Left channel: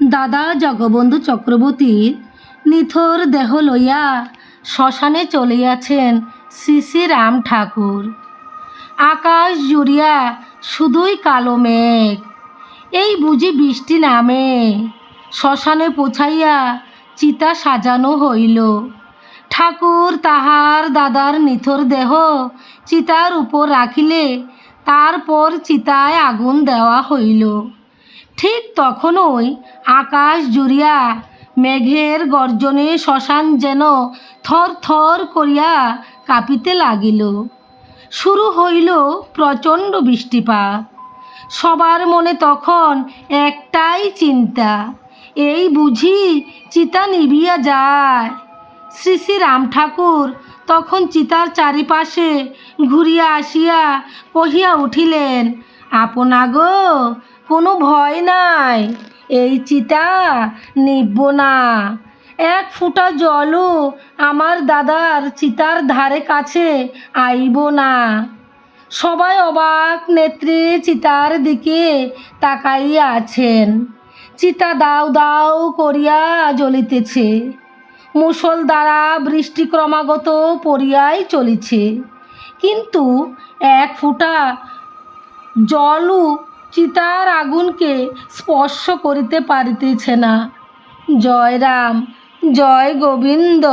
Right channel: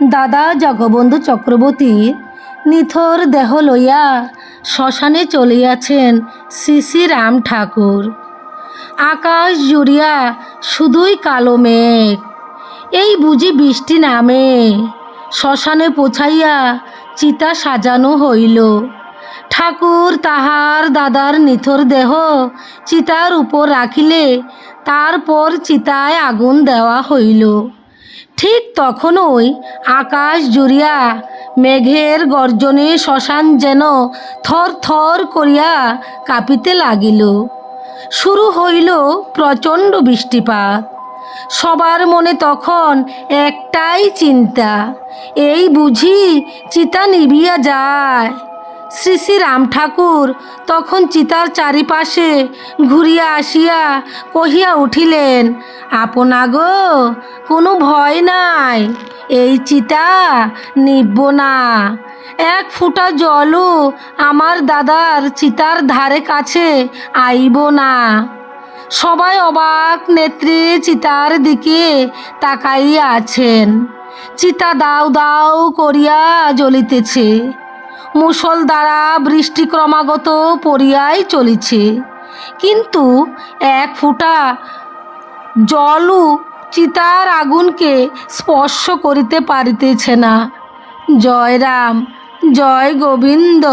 দাদা জগবন্ধু চক্রবর্তীর নিথর দেহ লইয়া শ্মশানে চলিয়াছেন শ্রী শ্রী রাম ঠাকুর। আকাশ জুড়িয়া শুধুই কালো মেঘ, এই বুঝি বৃষ্টি নামে। শ্মশানে পৌঁছাইয়া চিতা সাজানো হইল। ঠাকুর তাহার দাদার নিথর দেহ চিতার উপর রাখিলে তারপর চিতায় আগুন দেওয়া হইল। ঠিক তখনই আকাশ জুড়িয়া মেঘের গর্জনে শ্মশান যেন থর থর করিয়া কাঁপিতে লাগিল। শুরু হইল প্রচণ্ড বৃষ্টিপাত। সবার মনে তখন একটাই চিন্তা, এই বুঝি চিতা নিভিয়া যায়। শ্রী শ্রী রাম ঠাকুর তখন চিতার চারিপাশে ঘুরিয়া আসিয়া কহিয়া উঠিলেন, আপনা গো, কোনো ভয় নাই, এই চিতা নিভব না। এক ফোঁটা জলও আমার দাদার চিতার ধারে কাছে আইব না। সবাই অবাক নেত্রে চিতার দিকে তাকাইয়া আছেন। চিতা দাউ দাউ করিয়া জ্বলিতেছে। মুষলধারা বৃষ্টি ক্রমাগত পড়িয়াই চলিছে, কিন্তু এক ফোঁটা জলও চিতার আগুনকে স্পর্শ করিতে পারিতেছে না। জয় রাম, জয় গোবিন্দ।